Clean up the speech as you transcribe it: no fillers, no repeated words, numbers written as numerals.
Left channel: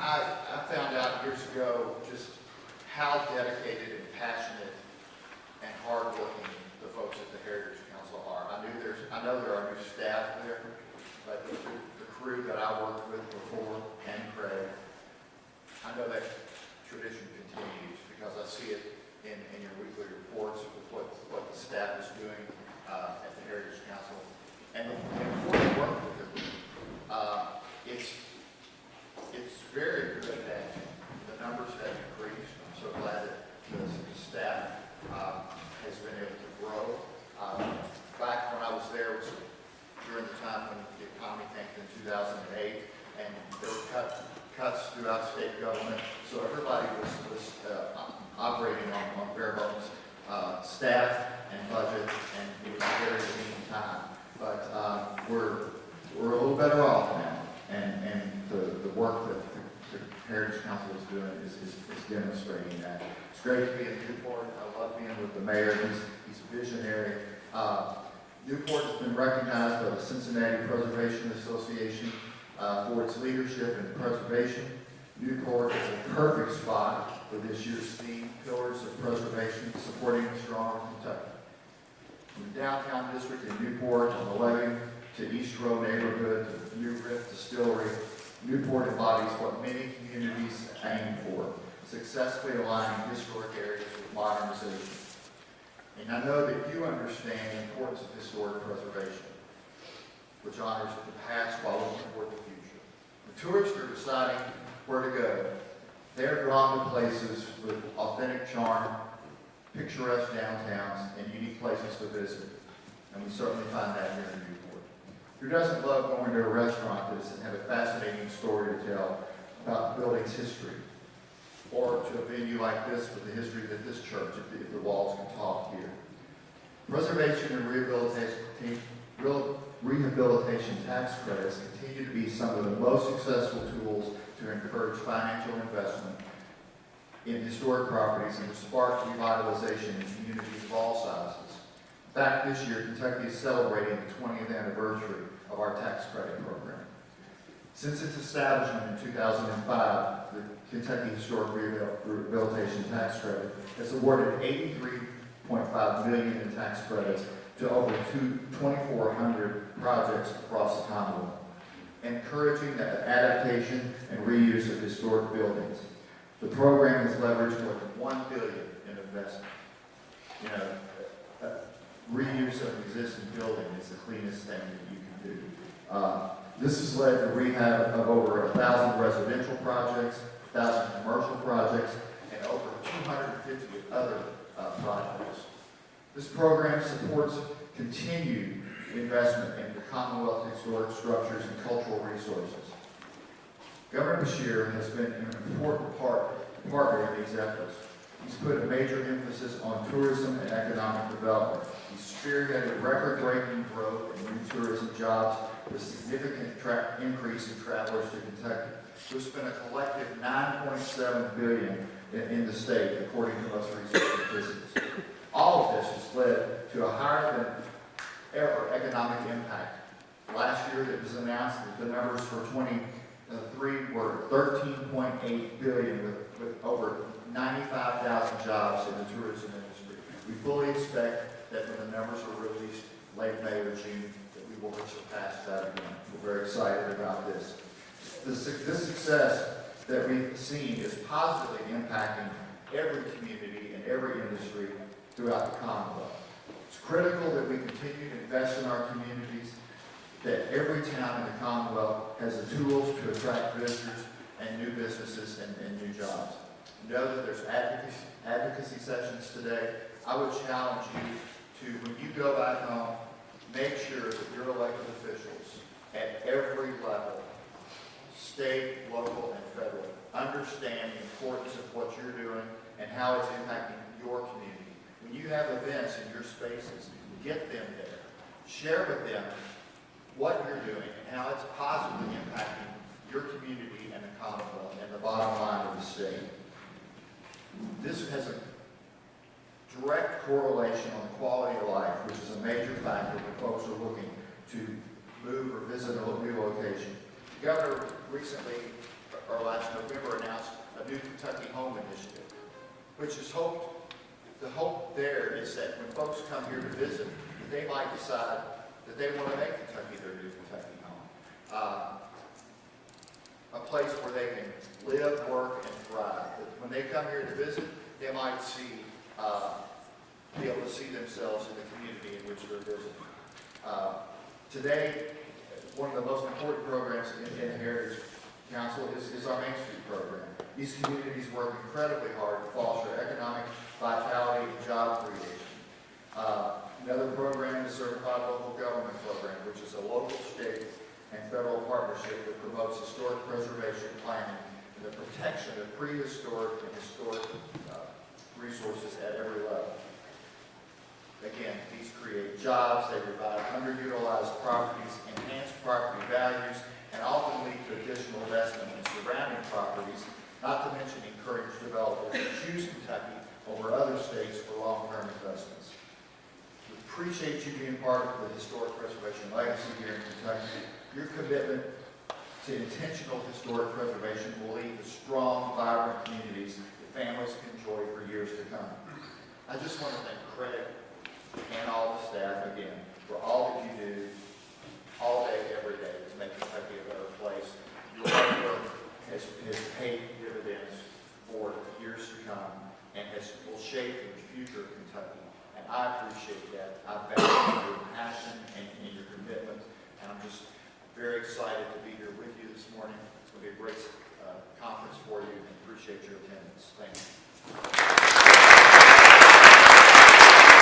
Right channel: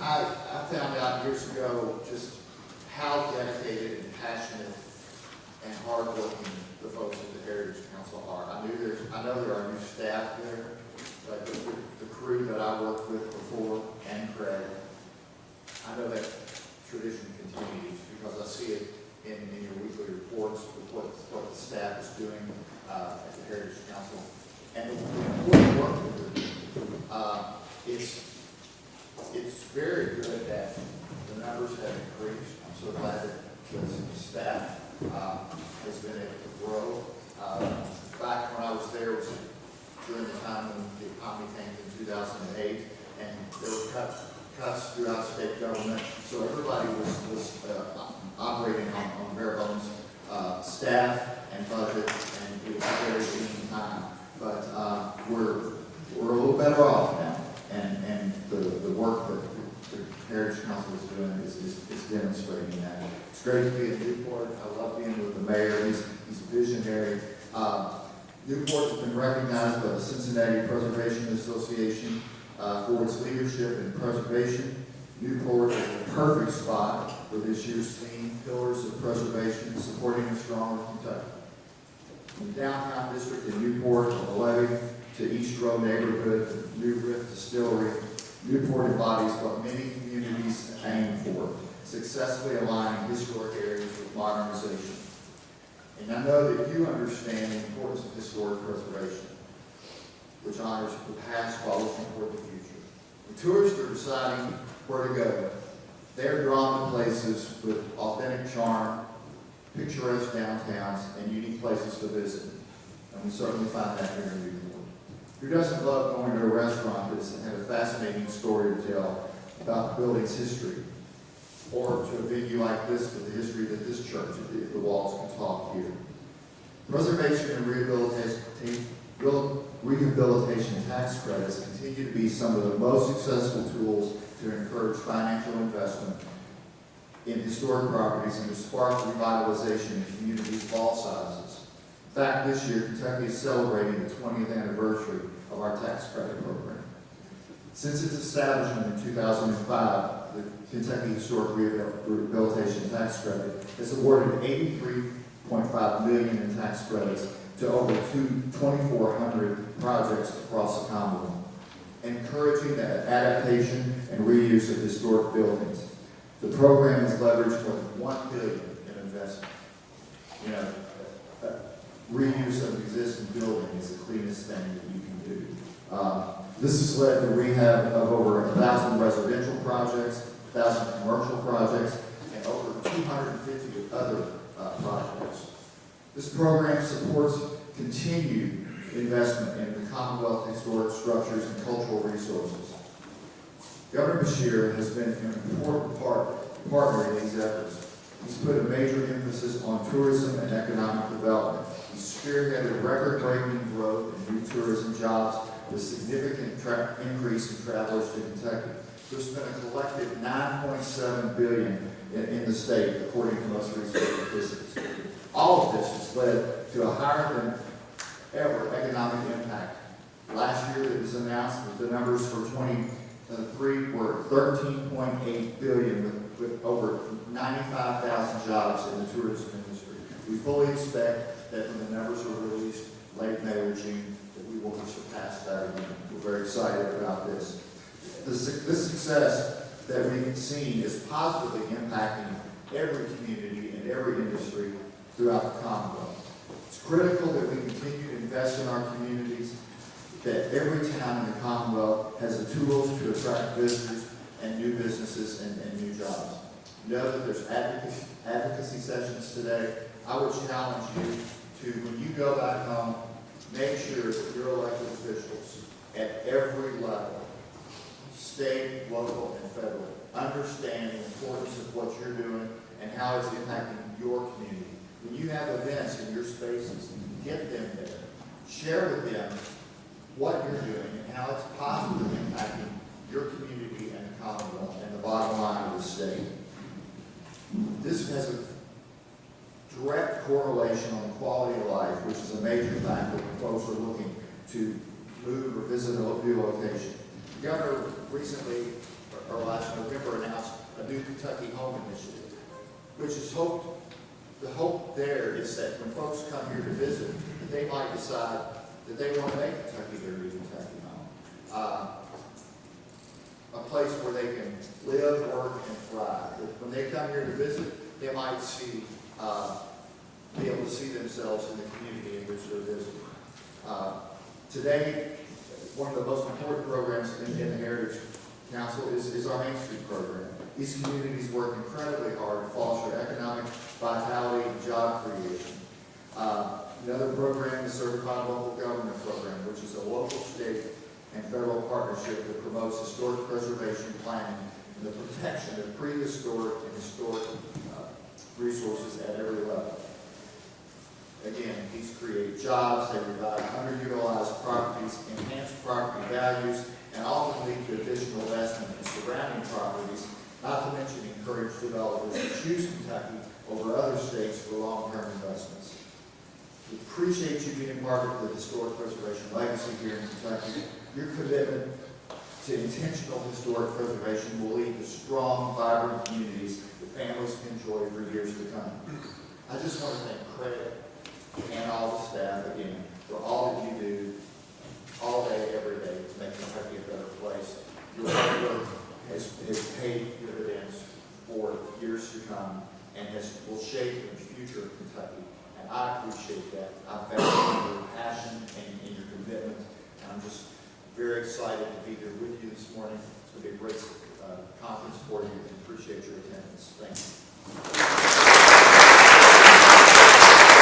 I found out years ago just how dedicated and passionate and hardworking the folks at the Heritage Council are. I know there are new staff there, like the crew that I worked with before, and Craig. I know that tradition continues because I see it in your weekly reports with what the staff is doing at the Heritage Council. And the important work that they're doing, it's very good that the numbers have increased. I'm so glad that the staff has been able to grow. Back when I was there was during the time when the economy came in 2008, and there were cuts throughout state government, so everybody was operating on bare bones staff and budget, and it was a very lean time. But we're a little better off now, and the work that the Heritage Council is doing is demonstrating that. It's great to be in Newport. I love being with the mayor. He's visionary. Newport has been recognized by the Cincinnati Preservation Association for its leadership in preservation. Newport is a perfect spot for this year's theme, Pillars of Preservation, Supporting a Stronger Kentucky. From the downtown district in Newport, on the levee to East Row neighborhood, to New Rift Distillery, Newport embodies what many communities aim for, successfully aligning historic areas with modernization. And I know that you understand the importance of historic preservation, which honors the past while looking toward the future. When tourists are deciding where to go, they're drawn to places with authentic charm, picturesque downtowns, and unique places to visit. And we certainly find that here in Newport. Who doesn't love going to a restaurant that has a fascinating story to tell about the building's history? Or to a venue like this with the history that this church, if the walls can talk here. Preservation and rehabilitation tax credits continue to be some of the most successful tools to encourage financial investment in historic properties and to spark revitalization in communities of all sizes. In fact, this year, Kentucky is celebrating the 20th anniversary of our tax credit program. Since its establishment in 2005, the Kentucky Historic Rehabilitation Tax Credit has awarded $83.5 million in tax credits to over 2,400 projects across the Commonwealth, encouraging the adaptation and reuse of historic buildings. The program has leveraged more than $1 billion in investment. You know, reuse of existing building is the cleanest thing that you can do. This has led to rehab of over 1,000 residential projects, 1,000 commercial projects, and over 250 other projects. This program supports continued investment in the Commonwealth historic structures and cultural resources. Governor Beshear has been an important partner in these efforts. He's put a major emphasis on tourism and economic development. He's spearheaded record-breaking growth in new tourism jobs with significant increase in travelers to Kentucky. There's been a collective $9.7 billion in the state, according to most recent statistics. All of this has led to a higher than ever economic impact. Last year, it was announced that the numbers for 23 were $13.8 billion, with over 95,000 jobs in the tourism industry. We fully expect that when the numbers are released late May or June, that we will surpass that again. We're very excited about this. This success that we've seen is positively impacting every community and every industry throughout the Commonwealth. It's critical that we continue to invest in our communities, that every town in the Commonwealth has the tools to attract visitors and new businesses and new jobs. Know that there's advocacy sessions today. I would challenge you to, when you go back home, make sure that your elected officials at every level, state, local, and federal, understand the importance of what you're doing and how it's impacting your community. When you have events in your spaces, get them there. Share with them what you're doing and how it's positively impacting your community and the Commonwealth and the bottom line of the state. This has a direct correlation on the quality of life, which is a major factor when folks are looking to move or visit a new location. The governor recently or last November, announced a New Kentucky Home Initiative, which is the hope there is that when folks come here to visit, they might decide that they want to make Kentucky their new Kentucky home. A place where they can live, work, and thrive. That when they come here to visit, they might be able to see themselves in the community in which they're visiting. Today, one of the most important programs in the Heritage Council is our Main Street program. These communities work incredibly hard to foster economic vitality and job creation. Another program is Certified Local Government Program, which is a local, state, and federal partnership that promotes historic preservation planning and the protection of prehistoric and historic resources at every level. Again, these create jobs, they revive underutilized properties, enhance property values, and often lead to additional investment in surrounding properties, not to mention encourage developers to choose Kentucky over other states for long-term investments. We appreciate you being part of the historic preservation legacy here in Kentucky. Your commitment to intentional historic preservation will lead to strong, vibrant communities that families can enjoy for years to come. I just want to thank Craig and all the staff again for all that you do all day, every day to make Kentucky a better place. Your hard work has paid dividends for years to come and will shape the future of Kentucky. And I appreciate that. I value your passion and your commitment. And I'm just very excited to be here with you this morning. It's going to be a great conference for you, and appreciate your attendance. Thank you.